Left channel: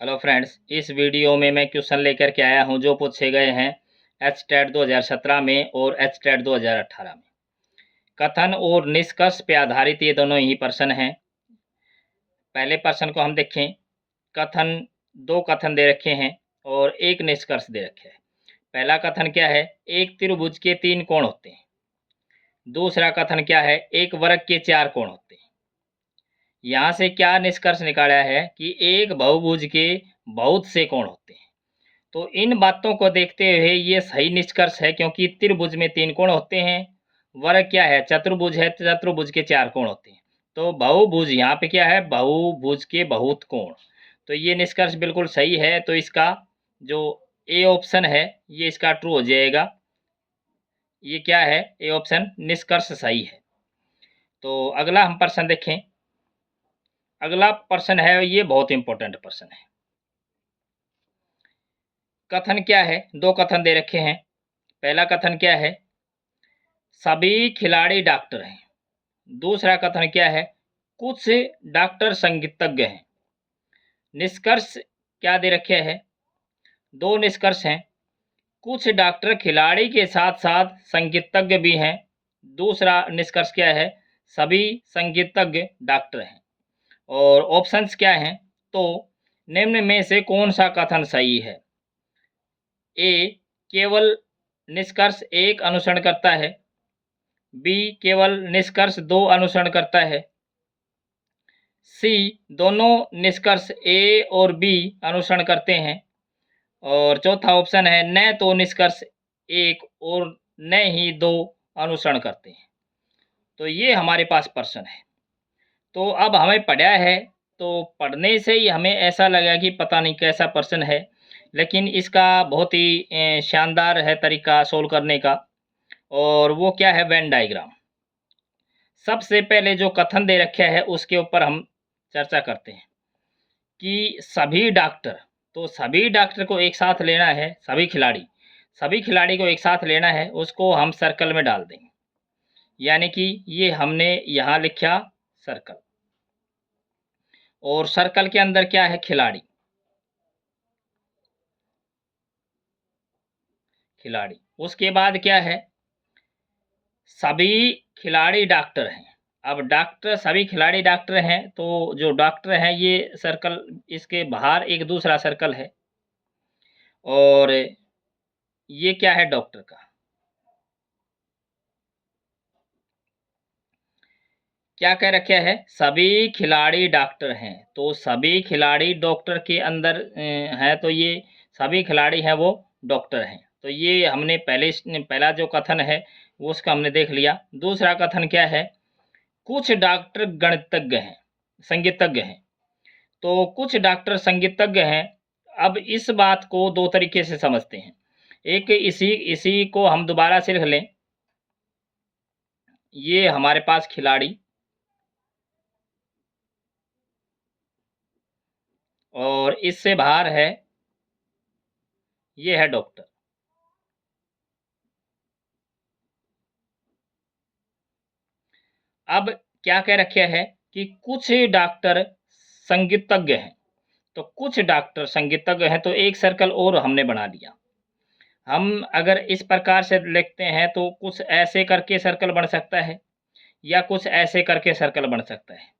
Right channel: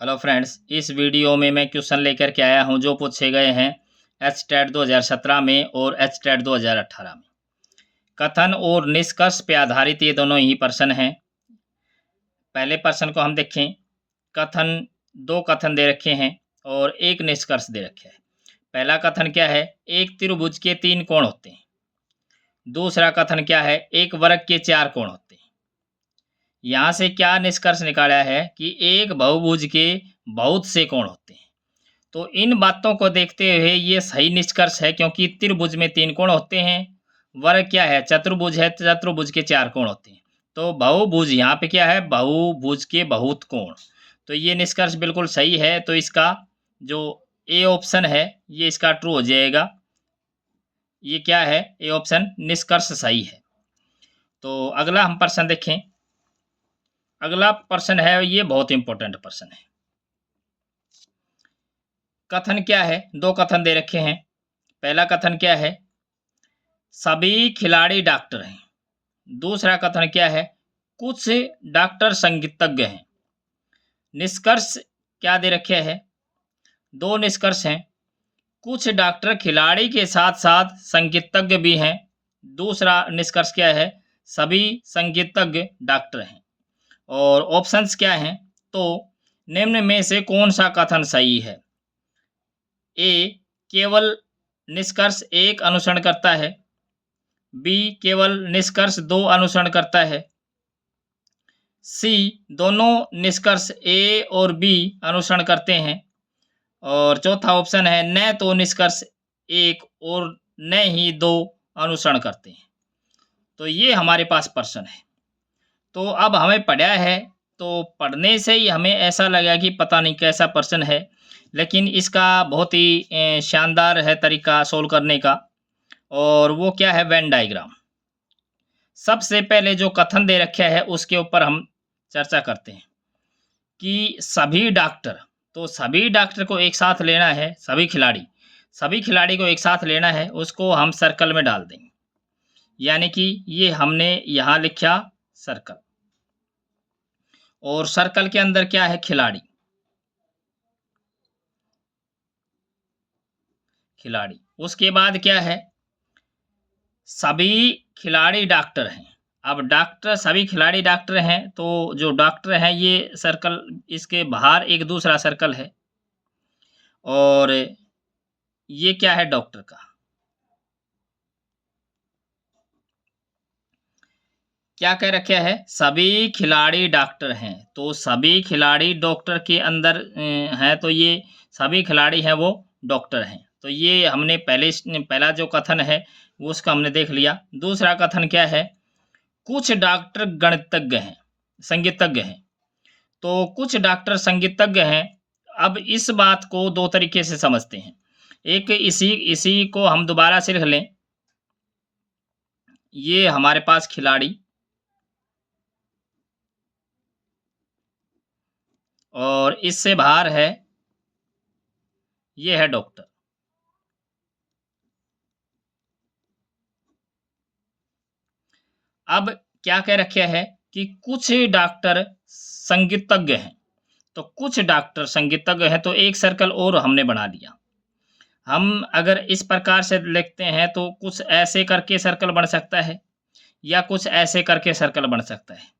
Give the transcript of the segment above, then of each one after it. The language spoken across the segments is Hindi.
हेलो फ्रेंड्स, इस वीडियो में मैं क्वेश्चन लेकर के आया हूं जो पूछे गए हैं एचटेट 2017 में और एचटेट 2018 में। कथन और निष्कर्ष पे आधारित ये दोनों ही प्रश्न हैं। पहले प्रश्न को हम देखें। कथन, दो कथन दे रखे हैं और एक निष्कर्ष दे रखे हैं। पहला कथन क्या है? एक त्रिभुज के 3 कोण होते हैं। दूसरा कथन क्या है? एक वर्ग के 4 कोण होते हैं। यहाँ से क्या निष्कर्ष निकाला है कि एक बहुभुज के बहुत से कोण होते हैं। तो इन बातों को देखते हुए ये सही निष्कर्ष है, क्योंकि त्रिभुज में 3 कोण होते हैं। वर्ग क्या है? चतुर्भुज है, चतुर्भुज के 4 कोण होते हैं। तो बहुभुज यहाँ पे क्या है? बहुभुज के बहुत कोण। तो ये निष्कर्ष बिल्कुल सही है। तो इसका जो ए ऑप्शन है ये इसका ट्रू हो जाएगा। ये क्या है? ए ऑप्शन निष्कर्ष सही है। तो अगला हम प्रश्न देखें। अगला प्रश्न है, ये बहुत इंपॉर्टेंट प्रश्न है। कथन क्या है? दो कथन दे रखे हैं। पहला कथन क्या है? सभी खिलाड़ी डॉक्टर हैं। दूसरा कथन क्या है? कुछ डॉक्टर संगीतज्ञ हैं। निष्कर्ष क्या दे रखे हैं? दो निष्कर्ष हैं। कुछ डॉक्टर खिलाड़ी के साथ साथ संगीतज्ञ भी हैं। दूसरा निष्कर्ष क्या है? सभी संगीतज्ञ डॉक्टर हैं। और ऑप्शंस क्या हैं? तो निम्न में से कौन सा कथन सही है? ए, केवल निष्कर्ष 1 अनुसरण करता है। बी, केवल निष्कर्ष 2 अनुसरण करता है। सी, दोनों निष्कर्ष ए और बी अनुसरण करते हैं। और चौथा ऑप्शन है न तो निष्कर्ष 1 और न ही 2 अनुसरण करते हैं। तो ये हमारे पास प्रश्न है। तो अब हमें पढ़ा है, तो पढ़ने से ही हमें ऐसा लगा कि पता नहीं कैसा प्रश्न है, लेकिन इसका बहुत ही शानदार है तरीका सोल्व करने का। और वो क्या है? Venn diagram. सबसे पहले जो कथन दे रखे है उसके ऊपर हम चर्चा करते हैं कि सभी डॉक्टर, तो सभी डॉक्टर को एक साथ लेना है। सभी खिलाड़ी को एक साथ लेना है, उसको हम सर्कल में डाल देंगे। यानी कि ये हमने यहाँ लिखा सर्कल, और सर्कल के अंदर क्या है? खिलाड़ी। उसके बाद क्या है? सभी खिलाड़ी डॉक्टर हैं। अब डॉक्टर, सभी खिलाड़ी डॉक्टर हैं, तो जो डॉक्टर हैं ये सर्कल, इसके बाहर एक दूसरा सर्कल है। और ये क्या है? डॉक्टर का। क्या कह रखे है? सभी खिलाड़ी डॉक्टर हैं। तो सभी खिलाड़ी डॉक्टर के अंदर हैं, तो ये सभी खिलाड़ी हैं वो डॉक्टर हैं। तो ये हमने पहला जो कथन है वो उसका हमने देख लिया। दूसरा कथन क्या है? कुछ डॉक्टर गणितज्ञ हैं, संगीतज्ञ हैं। तो कुछ डॉक्टर संगीतज्ञ हैं। अब इस बात को दो तरीके से समझते हैं। एक, इसी इसी को हम दोबारा से लिख लें। ये हमारे पास खिलाड़ी, और इससे बाहर है, ये है डॉक्टर। अब क्या कह रखे है कि कुछ डॉक्टर संगीतज्ञ हैं। तो कुछ डॉक्टर संगीतज्ञ हैं, तो एक सर्कल और हमने बना लिया। हम अगर इस प्रकार से लिखते हैं तो कुछ ऐसे करके सर्कल बन सकता है, या कुछ ऐसे करके सर्कल बन सकता है,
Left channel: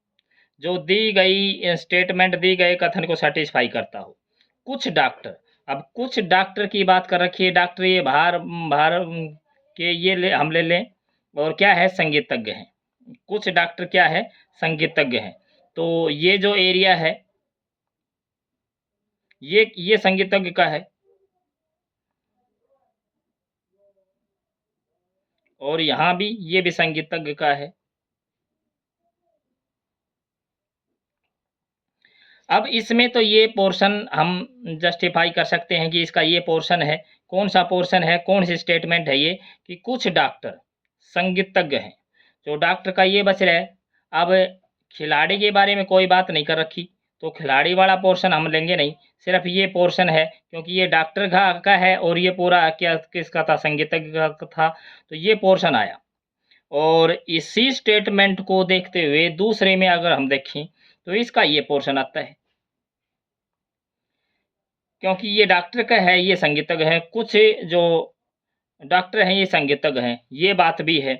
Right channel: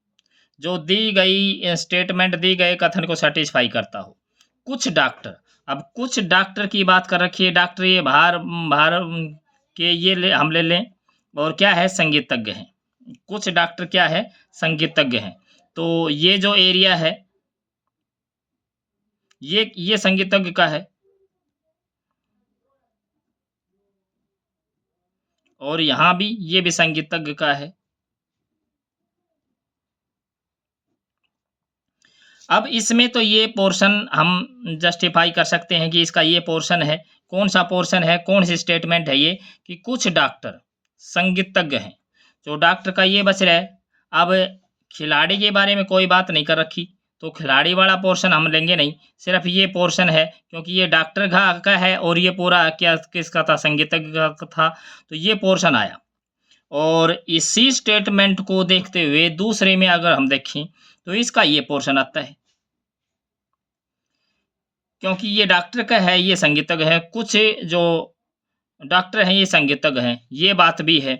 जो दी गई स्टेटमेंट, दी गए कथन को सेटिस्फाई करता हो। कुछ डॉक्टर, अब कुछ डॉक्टर की बात कर रखी है। डॉक्टर ये बाहर बाहर के ये हम ले लें। और क्या है? संगीतज्ञ हैं। कुछ डॉक्टर क्या है? संगीतज्ञ हैं। तो ये जो एरिया है ये संगीतज्ञ का है, और यहाँ भी ये भी संगीतज्ञ का है। अब इसमें तो ये पोर्शन हम जस्टिफाई कर सकते हैं कि इसका ये पोर्शन है। कौन सा पोर्शन है? कौन सी स्टेटमेंट है ये? कि कुछ डॉक्टर संगीतज्ञ हैं। जो डॉक्टर का ये बच रहा है। अब खिलाड़ी के बारे में कोई बात नहीं कर रखी, तो खिलाड़ी वाला पोर्शन हम लेंगे नहीं। सिर्फ ये पोर्शन है, क्योंकि ये डॉक्टर का है और ये पूरा क्या किसका था? संगीतज्ञ का था। तो ये पोर्शन आया। और इसी स्टेटमेंट को देखते हुए दूसरे में अगर हम देखें तो इसका ये पोर्शन आता है। क्योंकि ये डॉक्टर का है, ये संगीतज्ञ है, कुछ जो डॉक्टर हैं ये संगीतज्ञ हैं, ये बात भी है।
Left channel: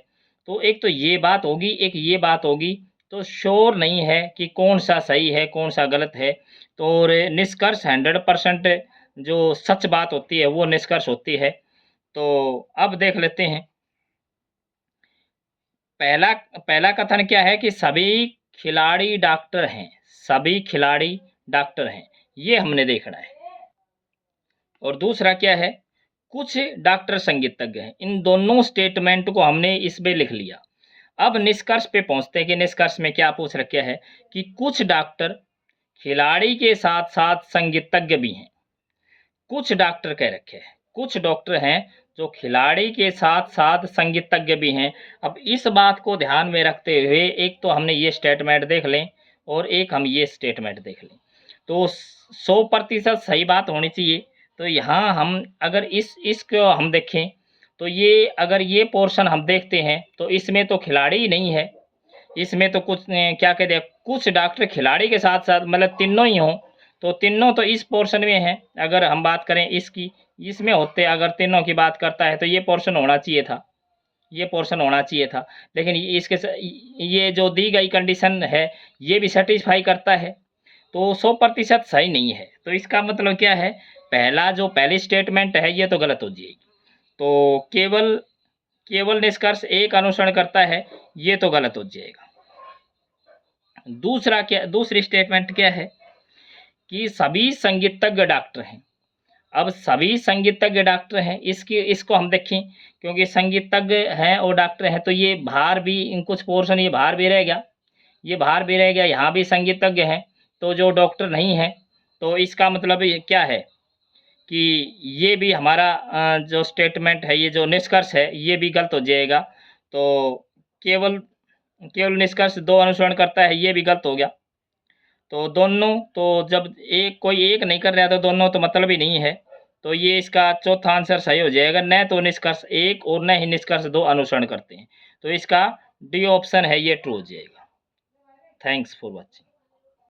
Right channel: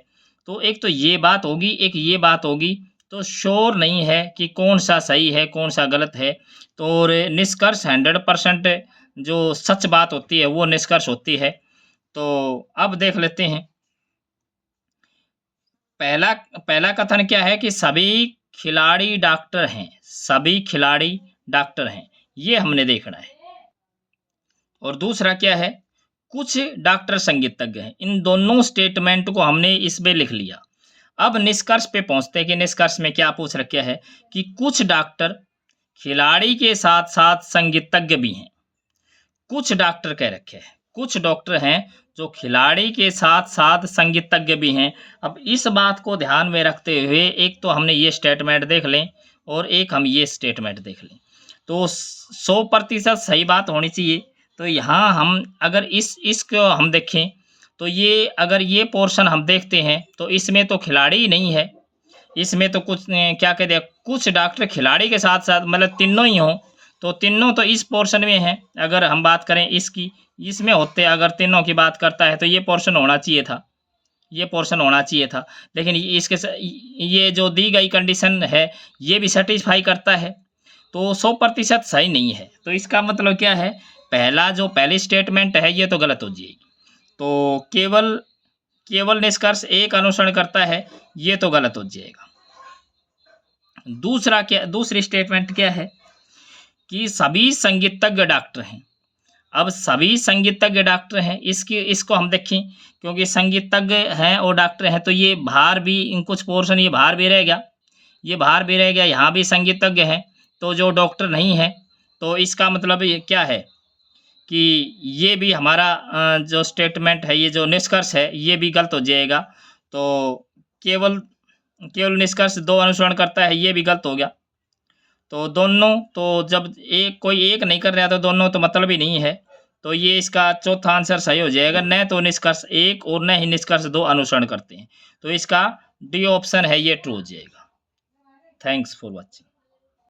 तो एक तो ये बात होगी, एक ये बात होगी, तो श्योर नहीं है कि कौन-सा सही है, कौन-सा गलत है। तो और निष्कर्ष 100% जो सच बात होती है, वो निष्कर्ष होती है। तो अब देख लेते हैं, पहला पहला कथन क्या है कि सभी खिलाड़ी डॉक्टर हैं, सभी खिलाड़ी डॉक्टर हैं, ये हमने देखना है। और दूसरा क्या है, कुछ डॉक्टर संगीतज्ञ हैं। इन दोनों स्टेटमेंट को हमने इसमें लिख लिया। अब निष्कर्ष पे पहुंचते हैं कि निष्कर्ष में क्या पूछ रखा है कि कुछ डॉक्टर खिलाड़ी के साथ साथ संगीतज्ञ भी हैं। कुछ डॉक्टर कह रखे हैं, कुछ डॉक्टर हैं जो खिलाड़ी के साथ साथ संगीतज्ञ भी हैं। अब इस बात को ध्यान में रखते हुए एक तो हमने ये स्टेटमेंट देख लें और एक हम ये स्टेटमेंट देख लें, तो 100% सही बात होनी चाहिए। तो यहाँ हम अगर इसको हम देखें, तो ये अगर ये पोर्शन हम देखते हैं तो इसमें तो खिलाड़ी ही नहीं है। इसमें तो कुछ क्या कहते हैं, कुछ डॉक्टर खिलाड़ी के साथ साथ मतलब तीनों ही हों, तो तीनों तो इस पोर्शन में हैं। अगर हम बात करें इसकी, इसमें होते अगर तीनों की बात करता है तो ये पोर्शन होना चाहिए था, ये पोर्शन होना चाहिए था। लेकिन ये जो दी गई कंडीशन है, ये भी सेटिस्फाई करता है, तो 100% सही नहीं है। तो इसका मतलब क्या है, पहली स्टेटमेंट है ये तो गलत हो जाएगी। तो केवल केवल निष्कर्ष एक अनुसरण करता है, ये तो गलत हो जाएगा। दूसरी स्टेटमेंट क्या है कि सभी संगीतज्ञ डॉक्टर हैं। अब सभी संगीतज्ञ डॉक्टर हैं, इसको हम देखें, क्योंकि संगीतज्ञ हैं और डॉक्टर हैं, तो ये बाहर भी इन कुछ पोर्शन ये बाहर भी रह गया, ये बाहर भी रह गया, यहाँ भी संगीतज्ञ हैं, तो जो डॉक्टर नहीं है, तो इसका मतलब ये क्या है कि ये भी हमारा जो स्टेटमेंट है, ये जो निष्कर्ष है, ये भी गलत हो जाएगा। तो केवल केवल निष्कर्ष 2 अनुसरण करता है, ये भी गलत हो गया। तो दोनों, तो जब कोई एक नहीं कर रहा तो दोनों तो मतलब ही नहीं है। तो ये इसका चौथा आंसर सही हो जाएगा, न तो निष्कर्ष 1 और न ही निष्कर्ष 2 अनुसरण करते हैं। तो इसका डी ऑप्शन है ये ट्रू हो जाएगा। Thanks for watching.